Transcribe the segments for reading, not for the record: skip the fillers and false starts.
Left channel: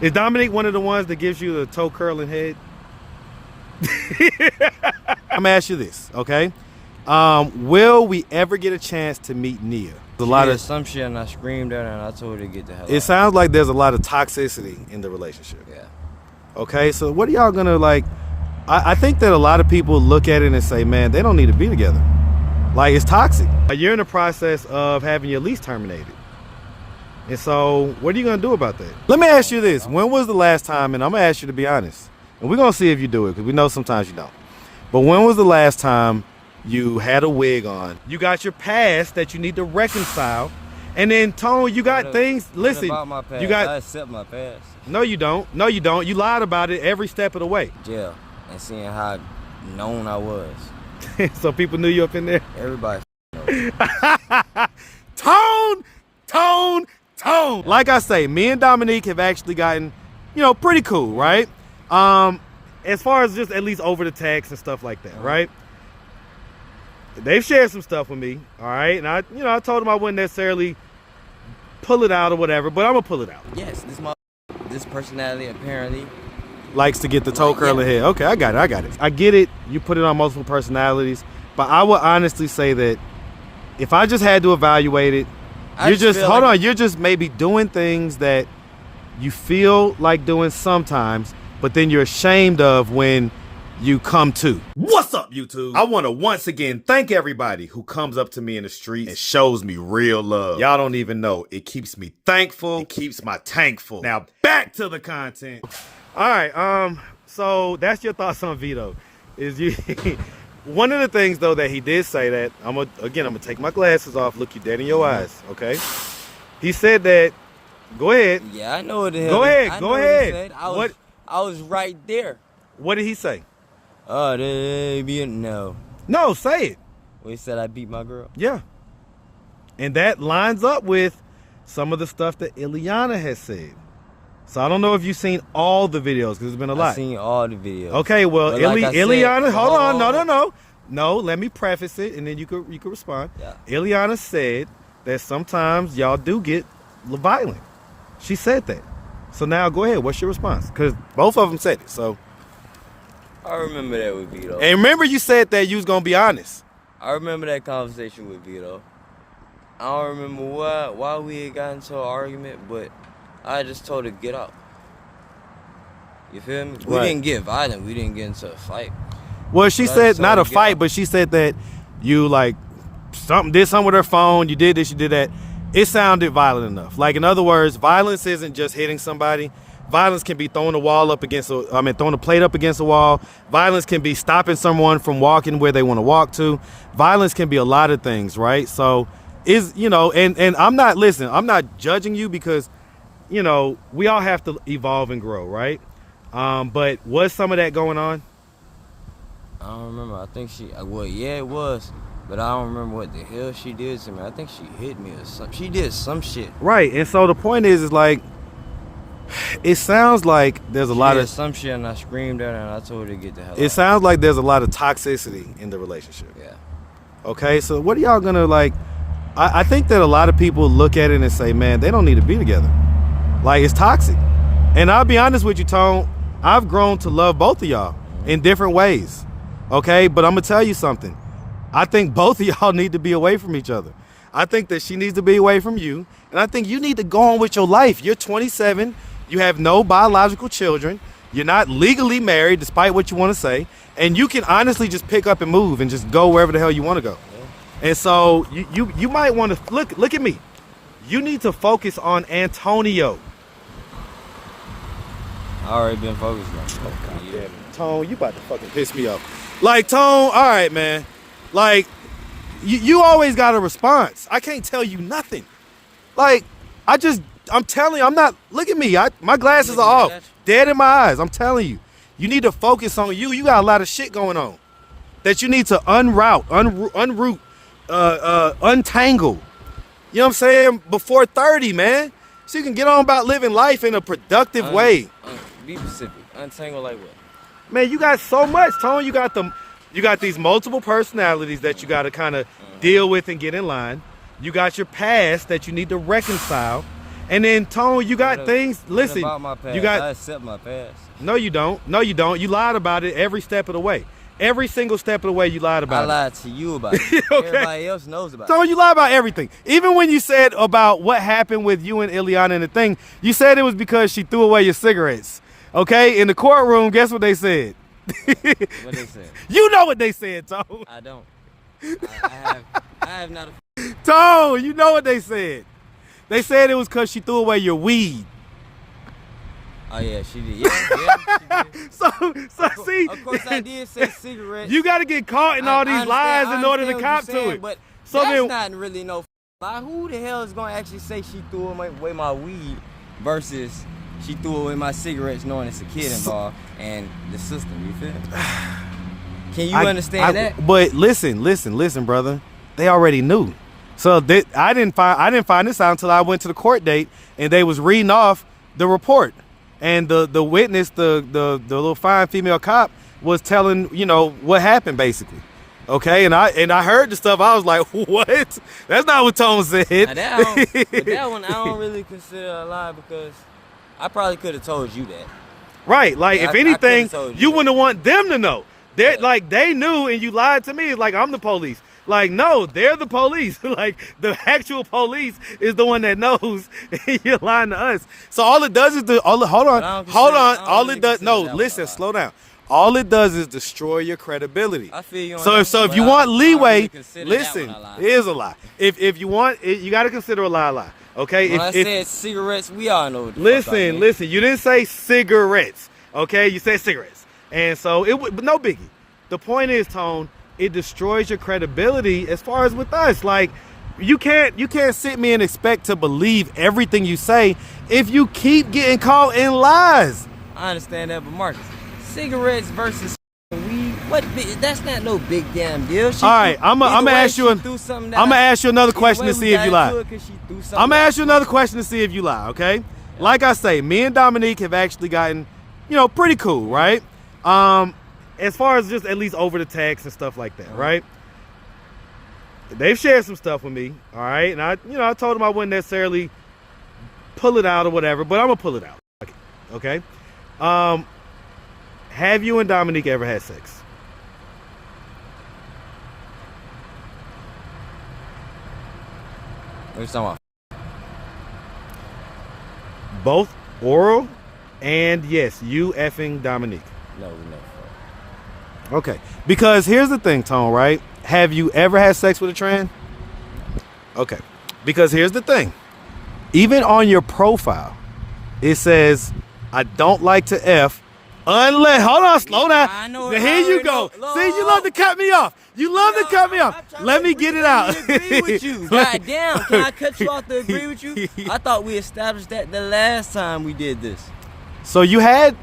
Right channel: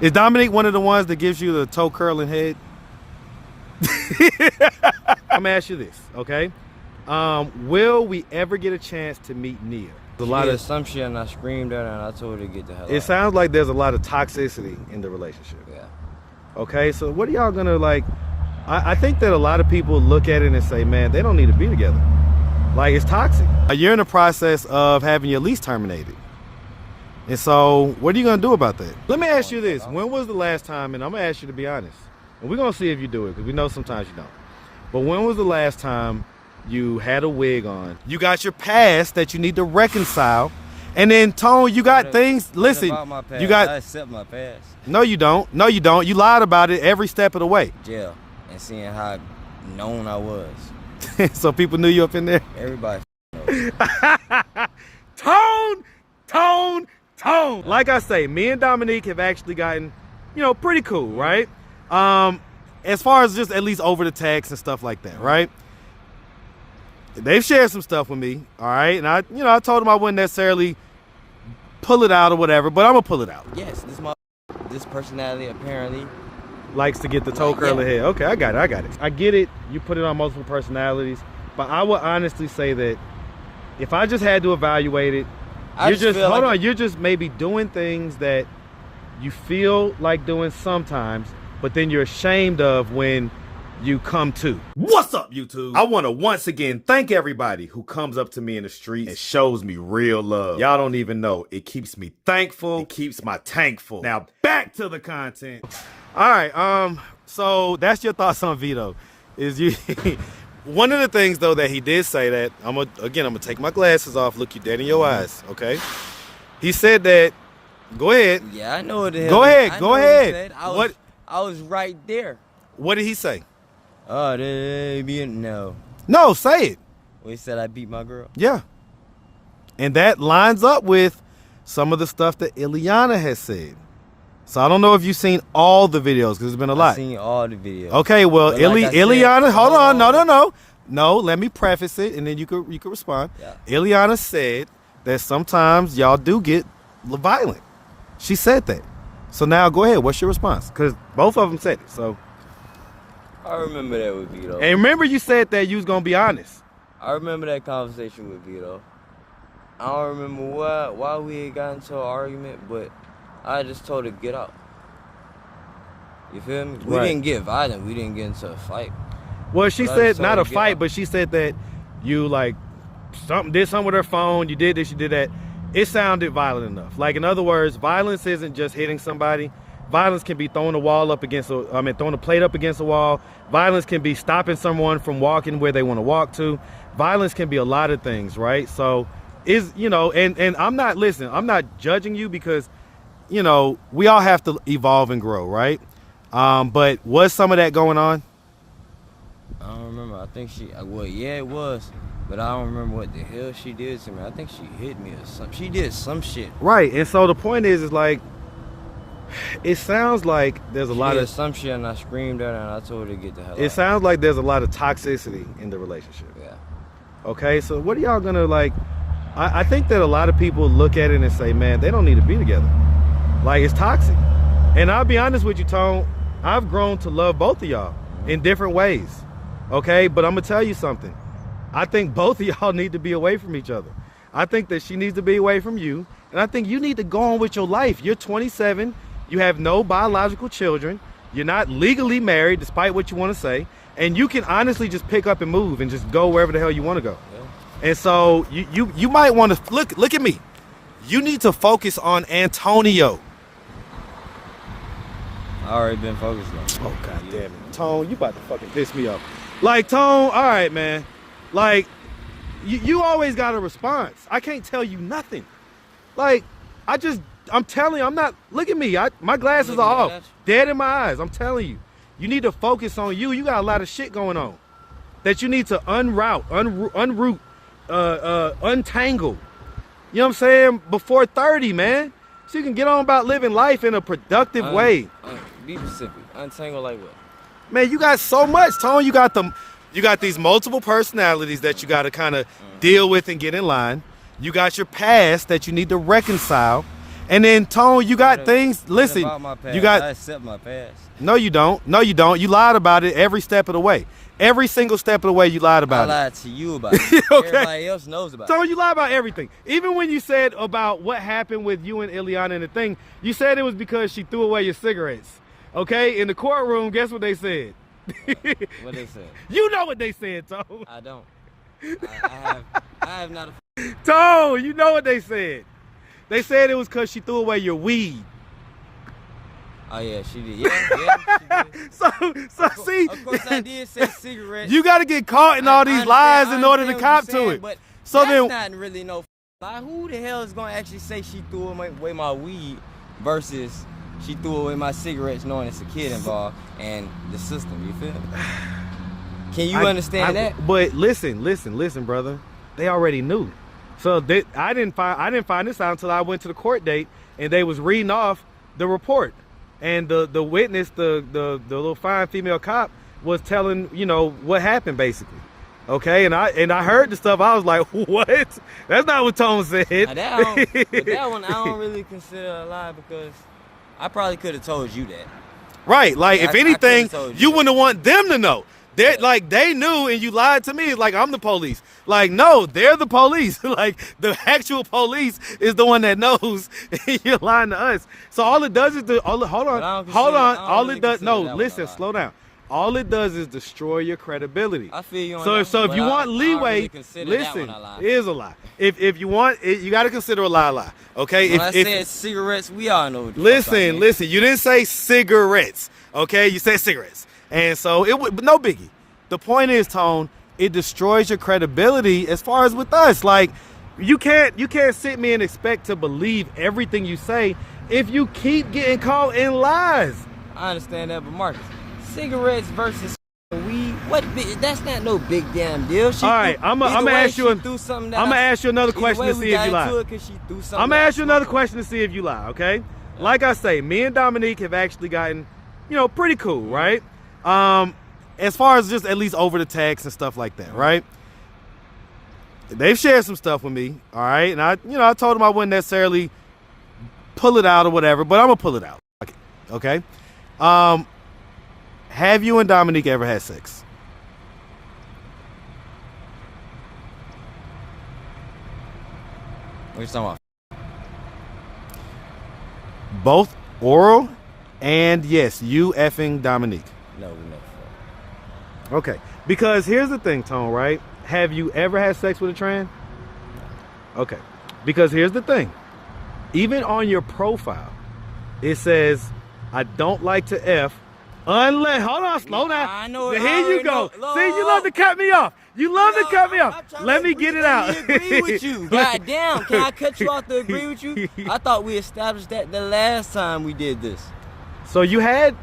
Is Dominique one of the ones that gives you the toe curling head? I'm gonna ask you this, okay? Will we ever get a chance to meet Nia? A lot of some shit, and I screamed at her and I told her to get the hell out. It sounds like there's a lot of toxicity in the relationship. Yeah. Okay, so what are y'all gonna like? I think that a lot of people look at it and say, man, they don't need to be together. Like, it's toxic. You're in the process of having your lease terminated. And so what are you gonna do about that? Let me ask you this. When was the last time, and I'm gonna ask you to be honest, and we're gonna see if you do it, because we know sometimes you don't. But when was the last time you had a wig on? You got your past that you need to reconcile. And then, Tone, you got things, listen. About my past? You got, I accept my past. No, you don't. No, you don't. You lied about it every step of the way. Jail. And seeing how known I was. So people knew you up in there? Everybody knows. Tone! Yeah. Like I say, me and Dominique have actually gotten, pretty cool, right? As far as just at least over the text and stuff like that, right? They've shared some stuff with me, all right? And I told them I wouldn't necessarily pull it out or whatever, but I'm gonna pull it out. Yes, this personality apparently likes to get the toe curling head. Okay, I got it. I get it. You put it on multiple personalities, but I would honestly say that if I just had to evaluate it, you're just maybe doing things that you feel like doing sometimes, but then you're ashamed of when you come to. What's up, YouTube? I want to once again thank everybody who comes up to me in the streets and shows me real love. Y'all don't even know. It keeps me thankful. It keeps my tank full. Now back to the content. All right, so that's your thoughts on Vito. Is you one of the things though that he did say that I'm gonna take my glasses off, look you dead in your eyes, okay? He said that. Go ahead. Yeah, I know what the hell. Go ahead. I was right there. What did he say? Oh, no. No, say it. Well, he said I beat my girl. Yeah. And that lines up with some of the stuff that Ileana has said. So I don't know if you've seen all the videos, because there's been a lot. I've seen all the videos. Okay, well, Ileana, hold on. No, let me preface it, and then you could respond. Yeah. Ileana said that sometimes y'all do get violent. She said that. So now go ahead. What's your response? Because both of them said it. So I remember that with Vito. And remember you said that you was going to be honest. I remember that conversation with Vito. I don't remember why we had gotten into an argument, but I just told her to get out. You feel me? We didn't get violent. We didn't get into a fight. Well, she said not a fight, but she said that you did something with her phone. You did this, you did that. It sounded violent enough. Like, in other words, violence isn't just hitting somebody. Violence can be throwing a plate up against a wall. Violence can be stopping someone from walking where they want to walk to. Violence can be a lot of things, right? So, and I'm not judging you, because, we all have to evolve and grow, right? But was some of that going on? I don't remember. I think it was. But I don't remember what the hell she did to me. I think she hit me or something. She did some shit. Right, and so the point is like, it sounds like there's a lot of some shit, and I screamed at her and I told her to get the hell out. It sounds like there's a lot of toxicity in the relationship. Yeah. Okay, so what are y'all gonna like? I think that a lot of people look at it and say, man, they don't need to be together. Like, it's toxic. And I'll be honest with you, Tone, I've grown to love both of y'all in different ways. Okay, but I'm gonna tell you something. I think both of y'all need to be away from each other. I think that she needs to be away from you, and I think you need to go on with your life. You're 27, you have no biological children, you're not legally married, despite what you want to say, and you can honestly just pick up and move and just go wherever the hell you want to go. Yeah. And so you might want to look at me. You need to focus on Antonio. I already been focused on. Oh, God damn it. Tone, you about to fucking piss me off. Like, Tone, all right, man. Like, you always got a response. I can't tell you nothing. Like, I'm telling you, look at me. My glasses are off. Dead in my eyes. I'm telling you. You need to focus on you. You got a lot of shit going on that you need to unroot, untangle. You know what I'm saying? Before 30, man. So you can get on about living life in a productive way. Be specific. Untangle like what? Man, you got so much, Tone. You got these multiple personalities that you got to kind of deal with and get in line. You got your past that you need to reconcile. And then Tone, you got things. Listen, about my past? you got. I accept my past. No, you don't. No, you don't. You lied about it every step of the way. Every single step of the way, you lied about it. I lied to you about it. Okay. Everybody else knows about it. Tone, you lied about everything. Even when you said about what happened with you and Ileana and the thing, you said it was because she threw away your cigarettes. Okay, in the courtroom, guess what they said? What they said? You know what they said, Tone. I don't. I have not. Tone, you know what they said. They said it was because she threw away your weed. Oh yeah, she did. Yeah, she did. So see, of course I did say cigarettes. You got to get caught in all these lies in order to cop to it. But so that's then, not really no lie. Who the hell is gonna actually say she threw away my weed versus she threw away my cigarettes, knowing it's a kid involved and the system? You feel me? Can you understand that? But listen, brother. They already knew. So I didn't find this out until I went to the court date and they was reading off the report. And the witness, the little fine female cop, was telling, you know, what happened basically. Okay, and I heard the stuff. I was like, what? That's not what Tone said. Now that one I don't really consider a lie because I probably could have told you that. Right, like if anything, you wouldn't want them to know. They're like they knew and you lied to me. It's like I'm the police. Like no, they're the police. Like the actual police is the one that knows. You're lying to us. So all it does is hold on. All it does. No, listen, slow down. All it does is destroy your credibility. I feel you on so that, if you want leeway, really listen, it is a lie. If you want it, you got to consider a lie. Okay. When I said cigarettes, we all know. What the listen. You didn't say cigarettes. Okay, you said cigarettes, and so but no biggie. The point is, Tone, it destroys your credibility as far as with us. Like you can't sit me and expect to believe everything you say if you keep getting caught in lies. I understand that, but Marcus, cigarettes versus weed, that's not no big damn deal. All right, I'm gonna ask you another question to see if you lie. I'm gonna ask you another question to see if you lie. Okay, yeah. Like I say, me and Dominique have actually gotten, pretty cool, right? As far as just at least over the text and stuff like that, right? They've shared some stuff with me, all right, and I told them I wouldn't necessarily pull it out or whatever, but I'm gonna pull it out. Okay. Have you and Dominique ever had sex? What are you talking about? Both oral and yes, you effing Dominique. No, we never fought. Okay, because here's the thing, Tone, right? Have you ever had sex with a trans? No. Okay, because here's the thing. Even on your profile, it says, I don't like to F unless, hold on, slow down. I know. Here you go. See, you love to cut me off. You love to cut me off. Let me get it out. Let me agree with you. God damn, can I cut you off to agree with you? I thought we established that the last time we did this. So you had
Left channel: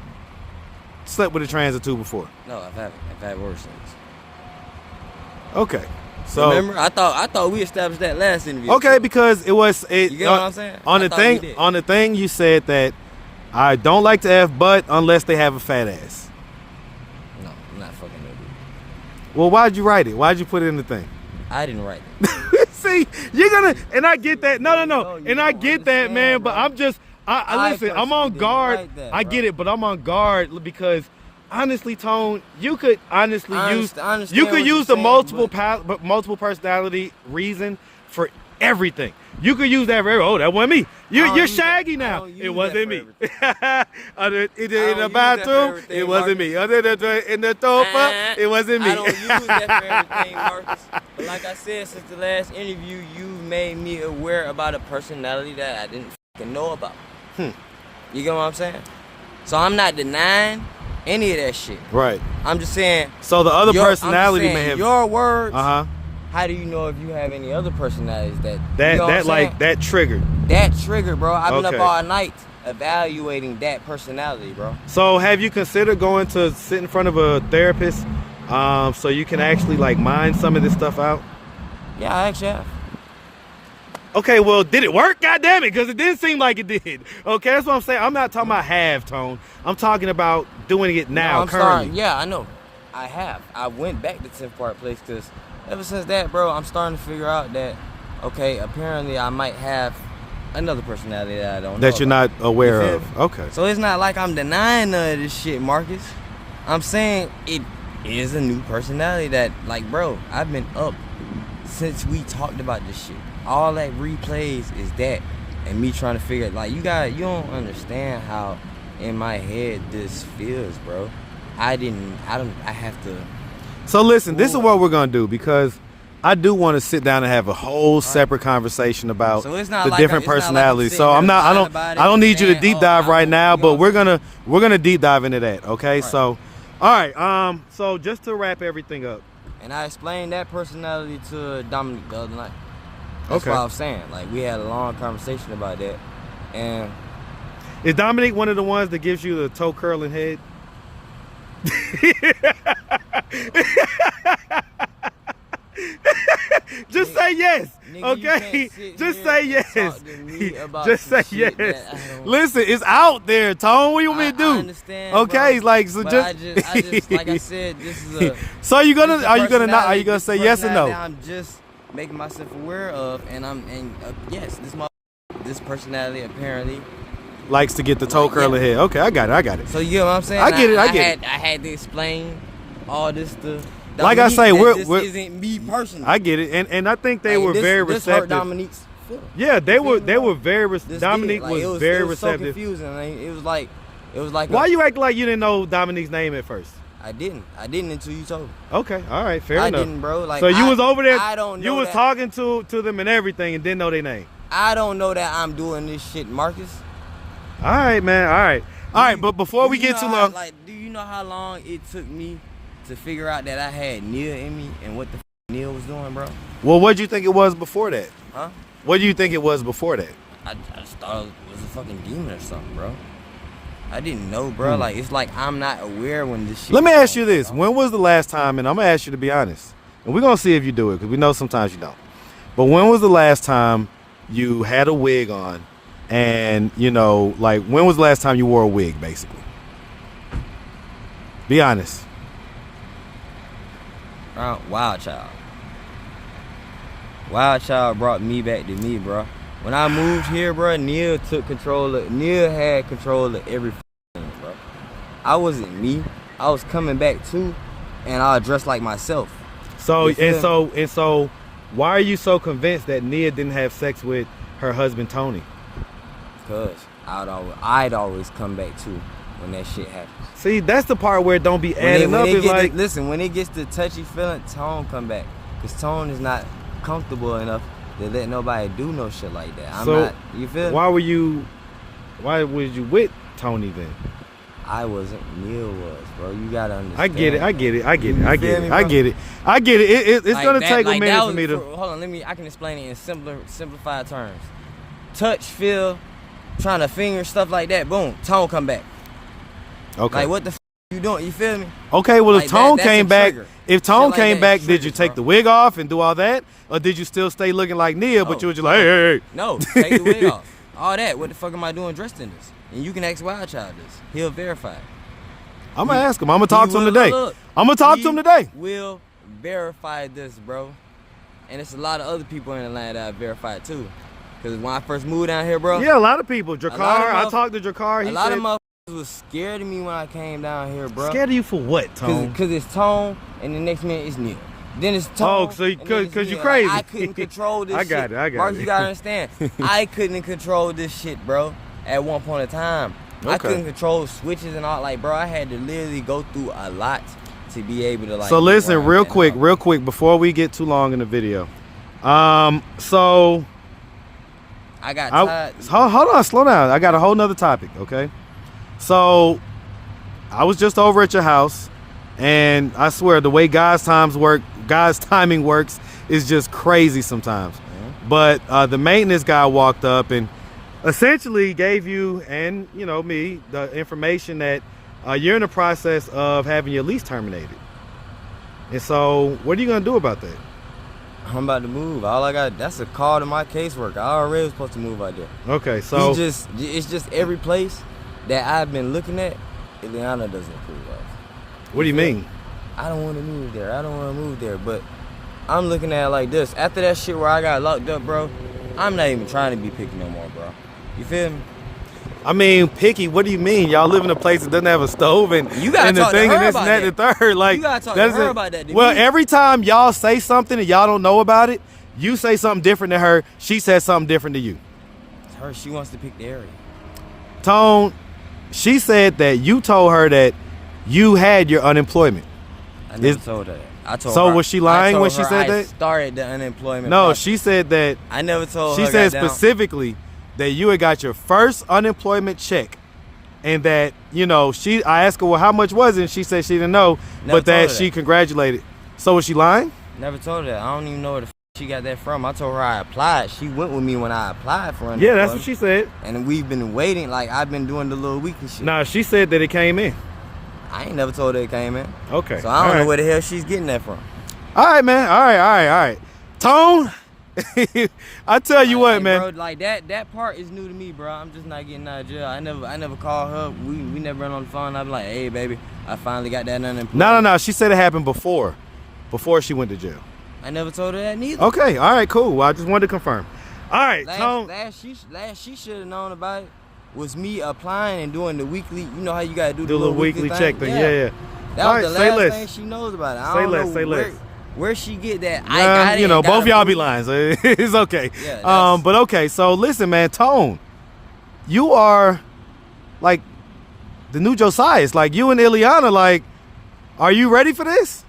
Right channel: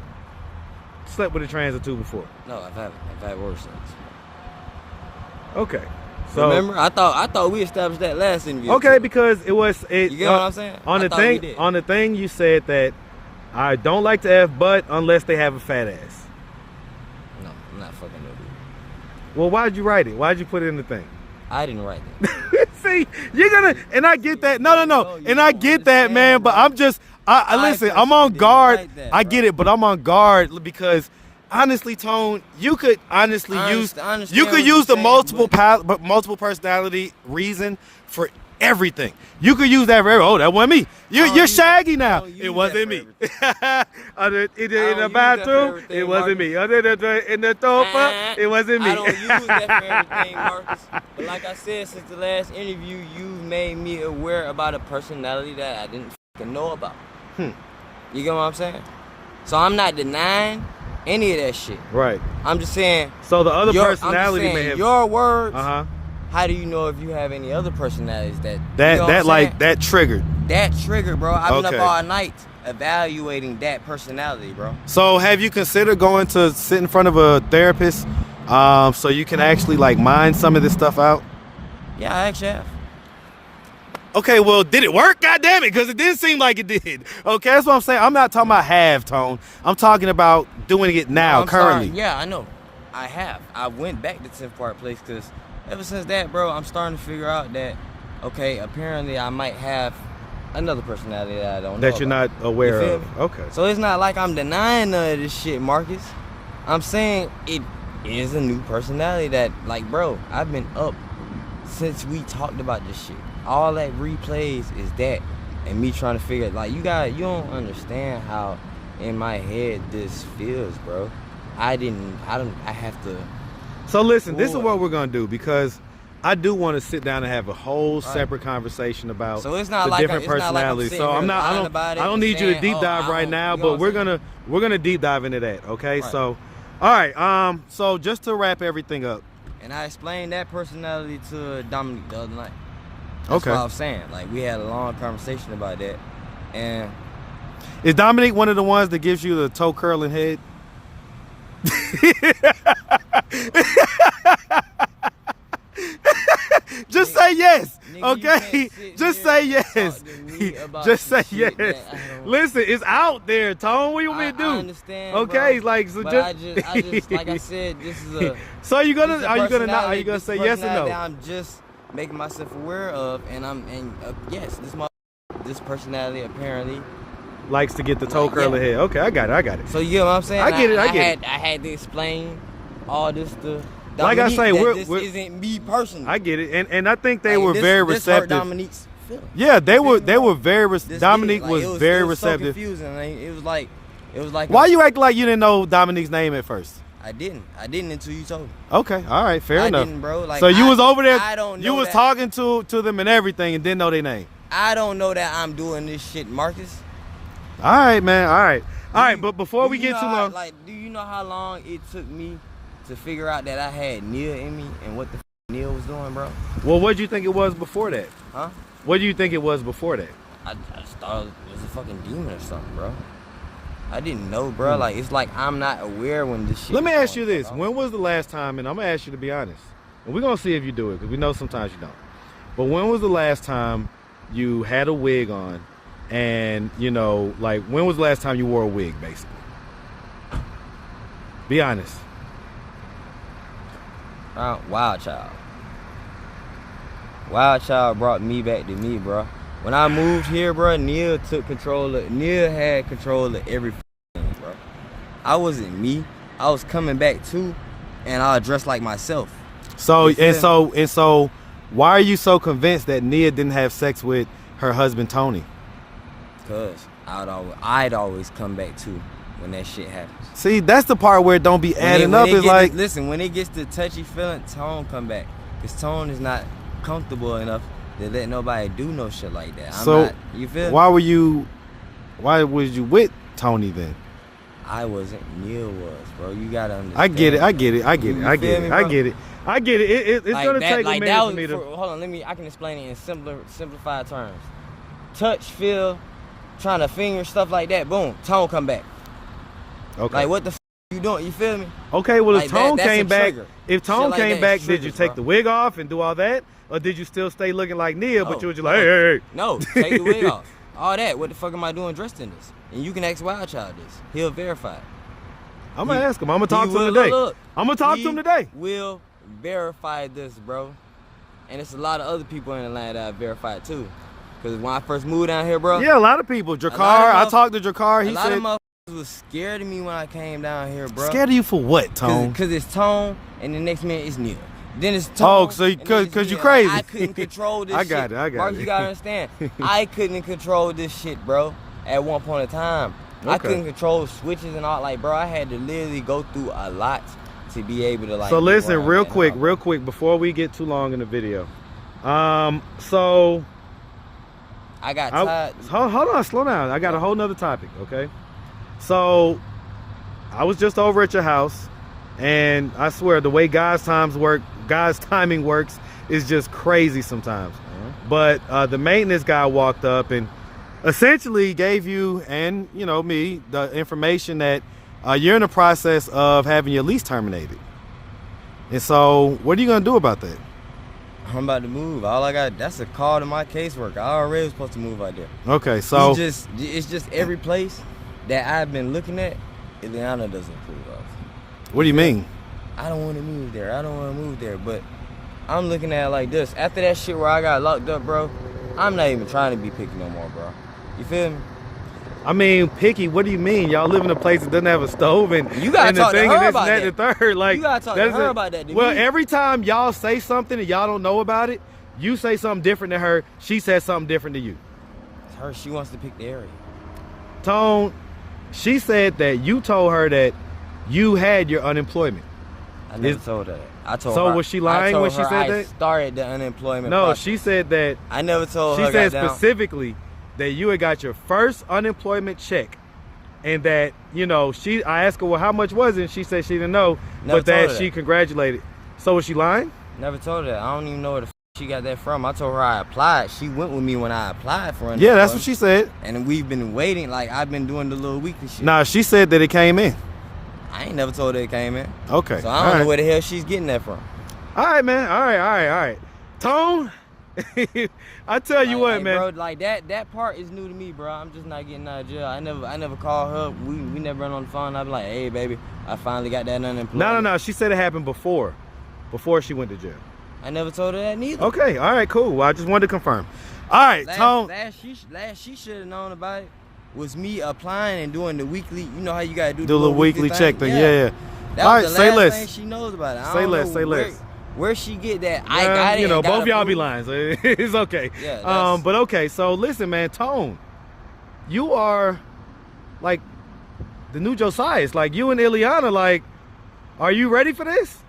slept with a trans or two before? No, I haven't. I've had worse things. Okay. So remember, I thought we established that last interview. Okay, because you get what I'm saying? On the thing you said that I don't like to F, but unless they have a fat ass. No, I'm not fucking no dude. Well, why'd you write it? Why'd you put it in the thing? I didn't write it. See, you're gonna, and I get that. No, and I get that, man. But I'm just, I listen. I'm on guard. I get it, but I'm on guard because. Honestly, Tone, you could honestly use the multiple personality reason for everything. You could use that for that wasn't me. You're shaggy now. It wasn't me. In the bathroom, it wasn't me. In the sofa, it wasn't me. I don't use that for everything, Marcus. But like I said, since the last interview, you made me aware about a personality that I didn't fucking know about. You get what I'm saying? So I'm not denying any of that shit. Right. I'm just saying. So the other personality may have your words. How do you know if you have any other personalities that triggered? That triggered, bro. I've been up all night evaluating that personality, bro. So have you considered going to sit in front of a therapist, so you can actually mine some of this stuff out? Yeah, I actually have. Okay, well, did it work? God damn it, because it didn't seem like it did. Okay, that's what I'm saying. I'm not talking about have, Tone. I'm talking about doing it now, currently. Yeah, I know. I have. I went back to 10th Park Place because ever since that, bro, I'm starting to figure out that, okay, apparently I might have Another personality that I don't know that you're about. not aware You feel of. me? Okay. So it's not like I'm denying none of this shit, Marcus. I'm saying it is a new personality that, like, bro, I've been up since we talked about this shit. All that replays is that, and me trying to figure it. Like, you don't understand how in my head this feels, bro. I have to. So listen, this is what we're gonna do, because I do want to sit down and have a whole Right. separate conversation about So it's not the like different it's not like I'm personalities. sitting So here I'm not. lying about it I don't and need you to saying, deep oh, dive I right don't- now, you but know- we're gonna deep dive into that. Okay. Right. So, all right. So just to wrap everything up. And I explained that personality to Dominique the other night. That's Okay. what I was saying. Like, we had a long conversation about that. And Is Dominique one of the ones that gives you the toe curling head? Just say yes, nigga, you okay? can't sit Just here say and yes. talk to me about Just some say shit yes. that I don't- Listen, it's out there, Tone. What you want me to do? I understand. Okay, bro. like so But just. I just like I said, this is a. So are you gonna this is a not? Are you personality- gonna this say yes or personality no? I'm just making myself aware of, and yes, this personality apparently. Likes to get the toe Like, curling yeah. head. Okay, I got it. So you get what I'm saying? I get it, I get it. I had to explain all this to Like I Dominique, say, that we're- this isn't me personally. I get it, and I think they Like, were this, very this hurt receptive. Dominique's feelings. Yeah, they You were feel me, bro? very This Dominique did. Like, was it very it was so receptive. confusing. Like, it was like Why you act like you didn't know Dominique's name at first? I didn't until you told me. Okay, all right, fair I enough. didn't, bro. Like, So you was over there. I don't know You was that- talking to them and everything, and didn't know their name. I don't know that I'm doing this shit, Marcus. All right, man. All right. But before Do we you get know too how- long, like, do you know how long it took me to figure out that I had NIA in me and what the NIA was doing, bro? well, what do you think it was before that? Huh? What do you think it was before that? I just thought it was a fucking demon or something, bro. I didn't know, bro. Like, it's like I'm not aware when this shit. Let me is ask you going this: on. when was the last time? And I'm gonna ask you to be honest, and we're gonna see if you do it, because we know sometimes you don't. But when was the last time you had a wig on, and like when was the last time you wore a wig, basically? Be honest. Wild Child. Wild Child brought me back to me, bro. When I moved here, bro, Neil had control of everything, bro. I wasn't me. I was coming back too, and I dressed like myself. So You feel and so, why are you so convinced that Nia didn't have sex with her husband Tony? Cause I'd always come back too when that shit happens. See, that's the part where it don't be When adding up. It's like, listen, when it gets to touchy feeling, Tone come back. Cause Tone is not comfortable enough to let nobody do no shit like that. I'm So, not, you feel me? why was you with Tony then? I wasn't, Neil was, bro. You gotta understand. I get it. I get it. I get it. I get it. I get it. I get it. It's Like gonna that- take like a that minute was for me to. hold on, I can explain it in simplified terms. Touch, feel, trying to finger, stuff like that. Boom, Tone come back. Okay. Like, what the you doing? You feel me? Okay. Well, Like if Tone that's a came back, trigger. if Tone Shit like came that back, is did you triggers, take bro. the wig off and do all that, or did you still stay looking like Nia, but Oh, you were just like, hey. No, take the wig off. All that. What the fuck am I doing dressed in this? And you can ask Wild Child this. He'll verify it. I'm gonna ask him. I'm gonna talk He to him will- today. look, I'm gonna talk to him today. Will verify this, bro. And it's a lot of other people in Atlanta that verified too. Cause when I first moved down here, bro, Yeah, a lot of people. Drakar, I motherf- talked to Drakar. a He lot said, of motherfuckers was scared of me when I came down here, bro. scared of you for what, Tone? Cause it's Tone, and the next minute it's Neil. Then it's Tone. Oh, so and then it's 'cause you Neil. crazy. Like, I couldn't control this I shit. got it, I got Marcus, it. you gotta understand. I couldn't control this shit, bro. At one point in time, I Okay. couldn't control switches and all. Like, bro, I had to literally go through a lot to be able to like. So get listen, where I'm real at now. quick, before we get too long in the video. So I got tired. hold on, slow down. I got a whole nother topic, okay? So I was just over at your house, and I swear the way God's timing works is just crazy sometimes. But the maintenance guy walked up and essentially gave you and me the information that you're in the process of having your lease terminated. And so, what are you gonna do about that? I'm about to move. All I got, that's a call to my caseworker. I already was supposed to move out there. Okay, so It's just every place that I've been looking at, Ileana doesn't approve of. what do you mean? I don't want to move there. But I'm looking at it like this. After that shit where I got locked up, bro, I'm not even trying to be picky no more, bro. You feel me? I mean, picky. What do you mean? Y'all live in a place that doesn't have a stove and you gotta and talk the thing to her and this about and that. The third, like you gotta talk to her about that. Well, every time y'all say something and y'all don't know about it, you say something different to her. She says something different to you. She wants to pick the area. Tone, she said that you told her that you had your unemployment. I never told her that. I told so her. Was she lying when she said I that? Started the unemployment. No, process. she said that. I never told her. She said specifically that you had got your first unemployment check, and that I asked her, well, how much was it? And she said she didn't know, but that she congratulated. So was she lying? Never told her that. I don't even know where the she got that from. I told her I applied. She went with me when I applied for unemployment. Yeah, that's what she said. And we've been waiting. Like, I've been doing the little weekly shit. Nah, she said that it came in. I ain't never told her it came in. Okay. So I don't know where the hell she's getting that from. All right, man. All right. Tone, I tell you what, man. Bro, like that part is new to me, bro. I'm just not getting out of jail. I never called her. We never been on the phone. I be like, hey, baby, I finally got that unemployment. No. She said it happened before she went to jail. I never told her that neither. Okay. All right. Cool. Well, I just wanted to confirm. All right, Tone. Last she should have known about it was me applying and doing the weekly. You know how you gotta do the little weekly check thing. Yeah. That was the last thing she knows about it. I don't know say less. Where she get that? I got it. Both y'all be lying, so it's okay. Yeah, but okay. So listen, man, Tone, you are like the new Josiah. It's like you and Ileana. Like, are you ready for this?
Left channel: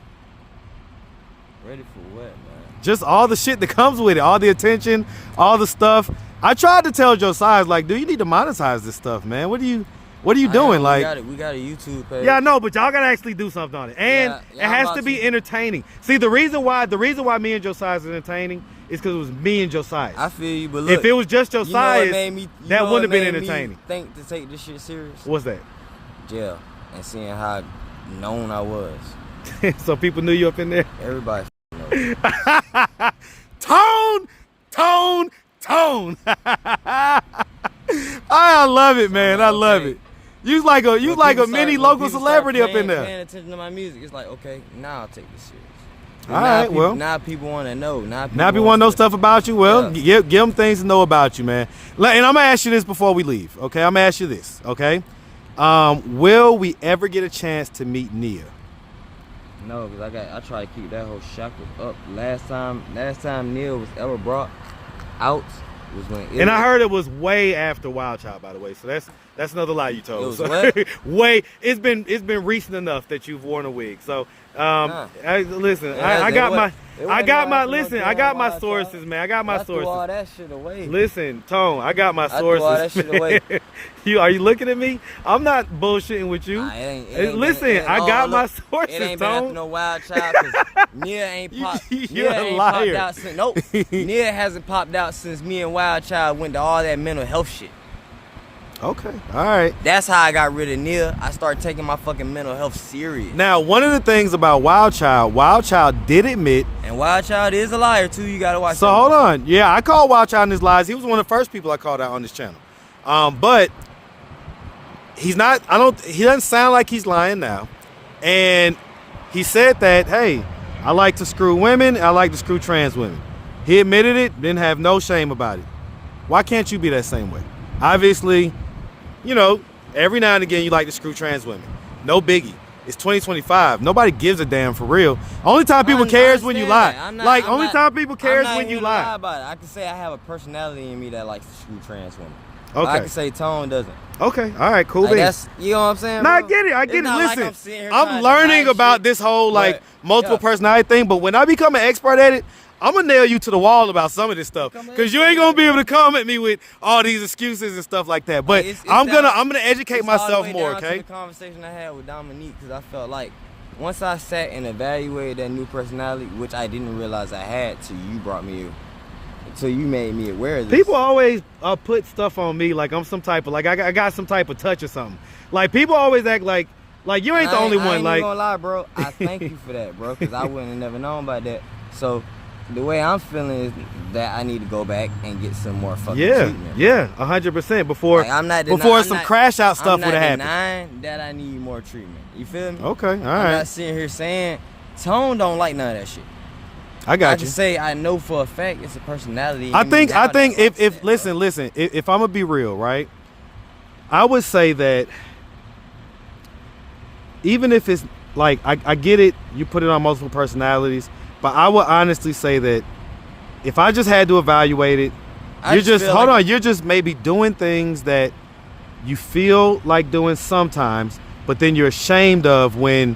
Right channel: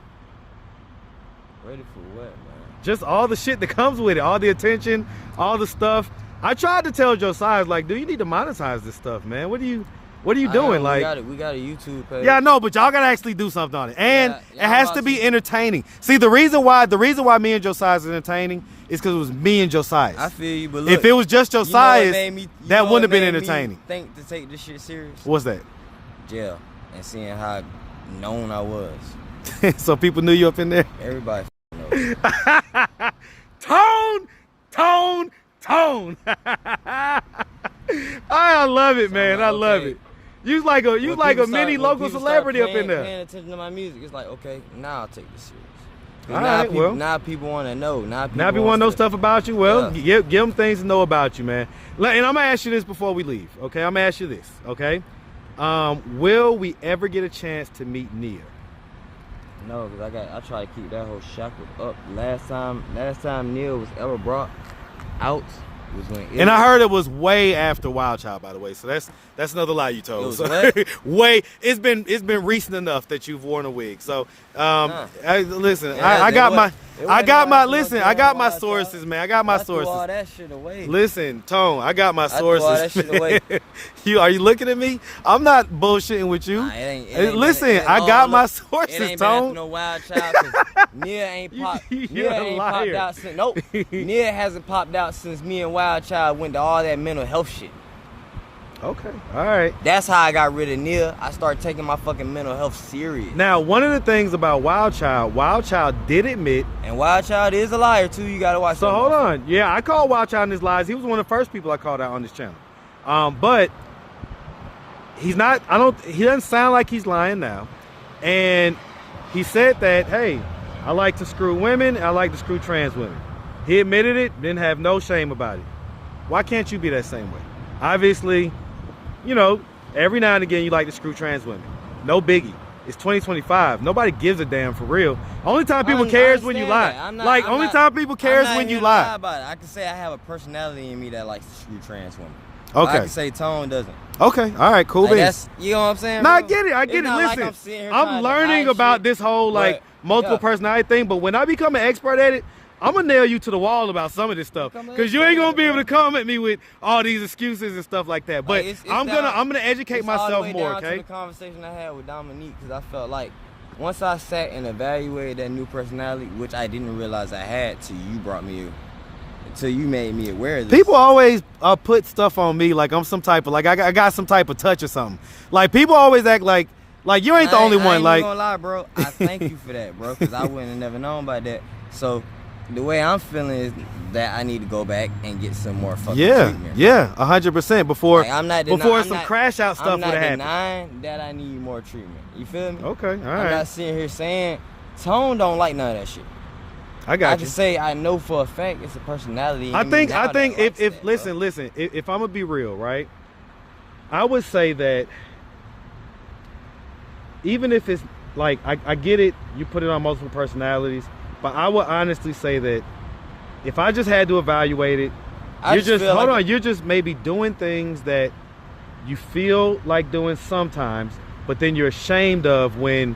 Ready for what, man? Just all the shit that comes with it, all the attention, all the stuff. I tried to tell Josiah, like, dude, you need to monetize this stuff, man. What are you doing? We got a YouTube page. Yeah, I know, but y'all gotta actually do something on it, and it has to be entertaining. See, the reason why me and Josiah is entertaining is because it was me and Josiah. I feel you, but look, if it was just Josiah, that wouldn't have been entertaining. Me think to take this shit serious. What's that? Jail and seeing how known I was. So people knew you up in there. Everybody knows. Tone. I love it, man. I love it. You like a mini local celebrity up in there. Paying attention to my music, it's like, okay, now I'll take this serious. All right, Now people want to know. Now people want to know stuff about you. Well, give them things to know about you, man. And I'm gonna ask you this before we leave. Okay, I'm gonna ask you this. Okay, will we ever get a chance to meet Nia? No, because I try to keep that whole shackled up. Last time Nia was ever brought out was when. And I heard it was way after Wild Child, by the way. So that's another lie you told. It was what? Way. It's been recent enough that you've worn a wig. So listen, I got my sources, man. I got my sources. I threw all that shit away. Listen, Tone, I got my sources. I threw all that shit away. Are you looking at me? I'm not bullshitting with you. Nah, it ain't I got my sources, it ain't Tone. been after no Wild Child. Nia ain't popped out since. Nope. Nia hasn't popped out since me and Wild Child went to all that mental health shit. Okay, all right. That's how I got rid of Nia. I started taking my fucking mental health serious. Now, one of the things about Wild Child did admit, and Wild Child is a liar too. You gotta watch. So hold on, yeah, I called Wild Child in his lies. He was one of the first people I called out on this channel. But he's not. He doesn't sound like he's lying now. And he said that, hey, I like to screw women. I like to screw trans women. He admitted it. Didn't have no shame about it. Why can't you be that same way? Obviously. Every now and again you like to screw trans women. No biggie. It's 2025. Nobody gives a damn for real. Only time people care is when you lie. Only time people care is when you lie. About it. I can say I have a personality in me that likes to screw trans women. Okay. I can say Tone doesn't. Okay. All right. Cool. That's, you know what I'm saying? No, bro? I get it. Listen, I'm learning about this whole multiple personality thing, but when I become an expert at it, I'm gonna nail you to the wall about some of this stuff, because you ain't gonna be able to come at me with all these excuses and stuff like that. But I'm gonna educate myself more. Okay. To the conversation I had with Dominique, because I felt like once I sat and evaluated that new personality, which I didn't realize I had till you made me aware of this. People always put stuff on me like I'm some type of I got some type of touch or something. Like people always act like you ain't the only one. I ain't even gonna lie, bro. I thank you for that, bro, because I wouldn't have never known about that. So. The way I'm feeling is that I need to go back and get some more fucking treatment. Yeah, 100% before some crash out stuff would have happened. I'm not denying that I need more treatment. You feel me? Okay, all right. I'm not sitting here saying Tone don't like none of that shit. I got you. can say I know for a fact it's a personality. I think if listen, if I'm gonna be real, right? I would say that even if it's like I get it, you put it on multiple personalities, but I would honestly say that if I just had to evaluate it, you're just maybe doing things that you feel like doing sometimes, but then you're ashamed of when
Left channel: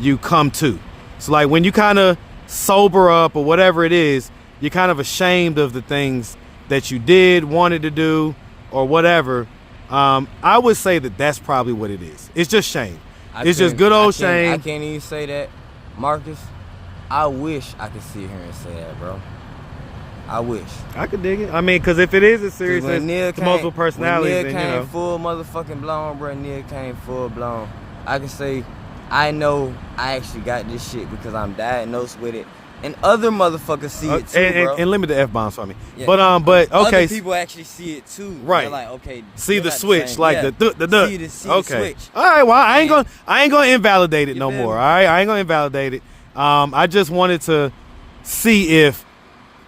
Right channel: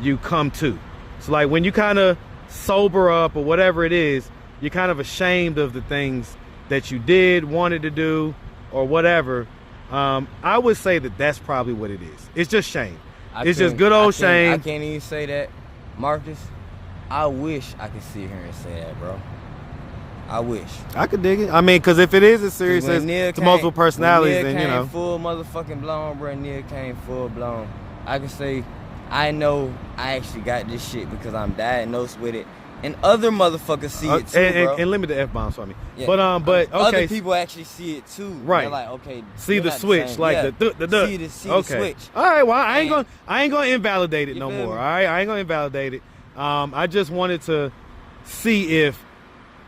you come to. So like when you kind of sober up or whatever it is, you're kind of ashamed of the things that you did, wanted to do, or whatever. I would say that that's probably what it is. It's just shame. It's just good old shame. I can't even say that, Marcus. I wish I could sit here and say that, bro. I wish. I could dig it. I mean, because if it is as serious as to multiple personalities, then, you know. came full motherfucking blown, bro. Nia came full blown. I can say, I know I actually got this shit because I'm diagnosed with it. And other motherfuckers see it too, bro. And limit the F-bombs for me. Yeah. But okay. Other people actually see it too. Right. They're like, okay. See the switch, like the See the switch. All right, well, I ain't gonna invalidate it no more. All right, I ain't gonna invalidate it. I just wanted to see if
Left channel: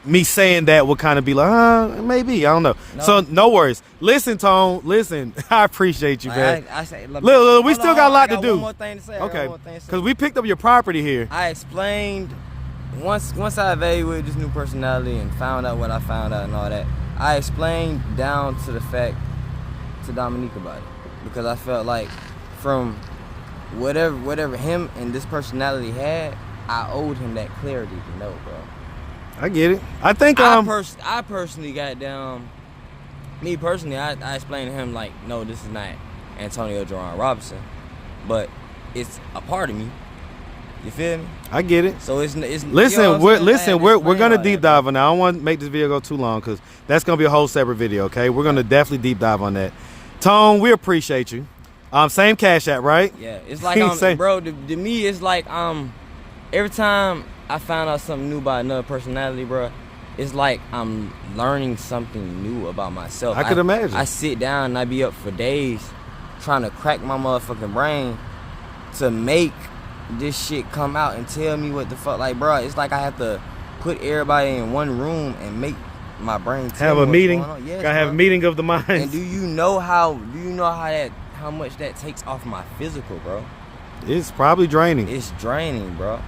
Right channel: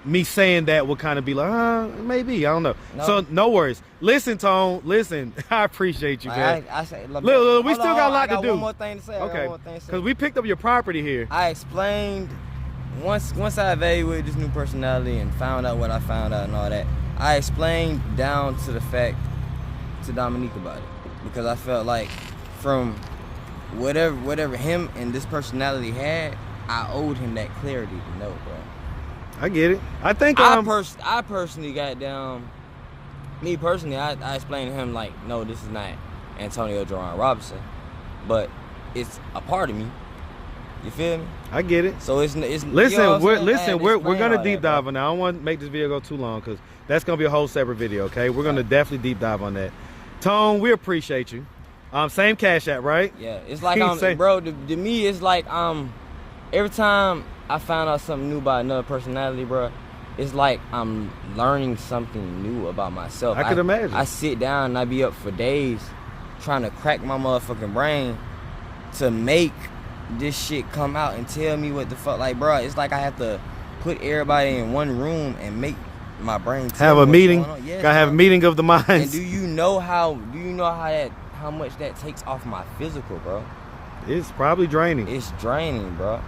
me saying that would kind of be like, maybe, I don't know. No. So no worries. Listen, Tone. Listen, I appreciate you, man. I say, look, we still got a lot to do. One more thing to say. Okay. Because we picked up your property here. I explained once I evaluated this new personality and found out what I found out and all that. I explained down to the fact to Dominique about it because I felt like from whatever him and this personality had, I owed him that clarity to know, bro. I get it. I think I personally got down. Me personally, I explained to him like, no, this is not Antonio Jerron Robinson, but it's a part of me. You feel me? I get it. So it's listen, we're gonna deep dive on that. I don't want to make this video go too long because that's gonna be a whole separate video. Okay, we're gonna definitely deep dive on that. Tone, we appreciate you. Same Cash App, right? Yeah, it's like bro. To me, it's like every time I found out something new about another personality, bro, it's like I'm learning something new about myself. I could imagine. I sit down and I be up for days trying to crack my motherfucking brain to make this shit come out and tell me what the fuck. Like, bro, it's like I have to put everybody in one room and make my brain tell me what's going on. Yeah, gotta have a meeting of the minds. And do you know how much that takes off my physical, bro? It's probably draining. It's draining, bro.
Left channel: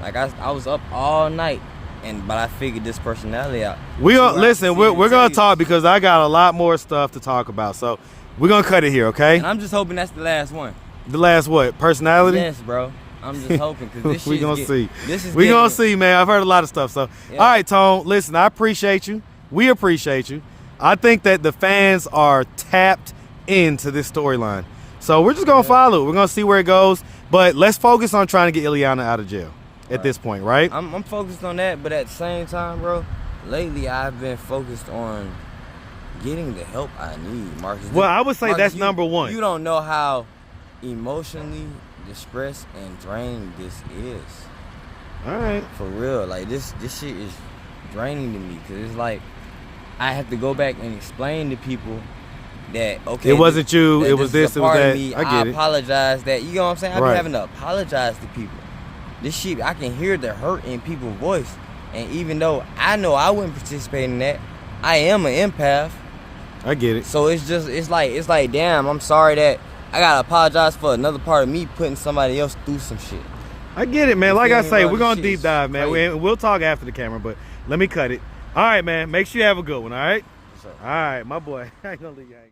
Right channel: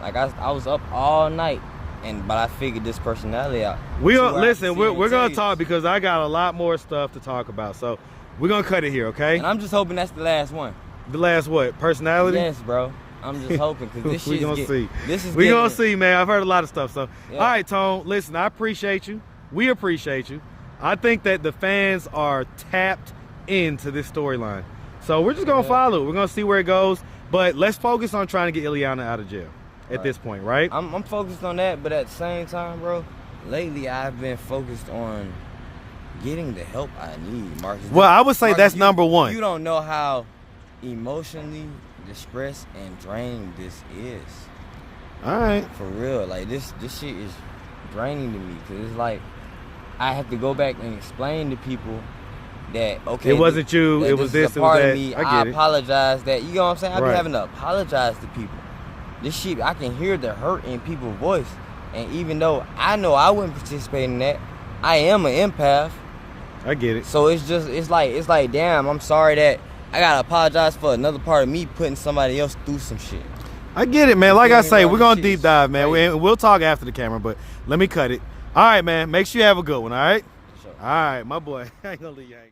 Like I was up all night, but I figured this personality out. We're gonna talk because I got a lot more stuff to talk about. So we're gonna cut it here, okay? And I'm just hoping that's the last one. The last what? Personality? Yes, bro. I'm just hoping because this shit. We gonna see, man. I've heard a lot of stuff. So yeah. All right, Tone. Listen, I appreciate you. We appreciate you. I think that the fans are tapped into this storyline. So we're just gonna follow. We're gonna see where it goes. But let's focus on trying to get Ileana out of jail at this point, right? I'm focused on that, but at the same time, bro, lately I've been focused on getting the help I need, Marcus. Well, I would say that's number one. You don't know how emotionally distressed and drained this is. All right. For real, like this shit is draining to me because it's like I have to go back and explain to people that it wasn't you, it was this, it was that. Me. I apologize that, you know what I'm saying? I be having to apologize to people. This shit, I can hear the hurt in people's voice. And even though I know I wouldn't participate in that, I am an empath. I get it. So it's like, damn, I'm sorry that I gotta apologize for another part of me putting somebody else through some shit. I get it, man. Like I say, we're gonna deep dive, man. We'll talk after the camera, but let me cut it. All right, man. Make sure you have a good one, all right? For sure. All right, my boy. I ain't gonna leave you hanging.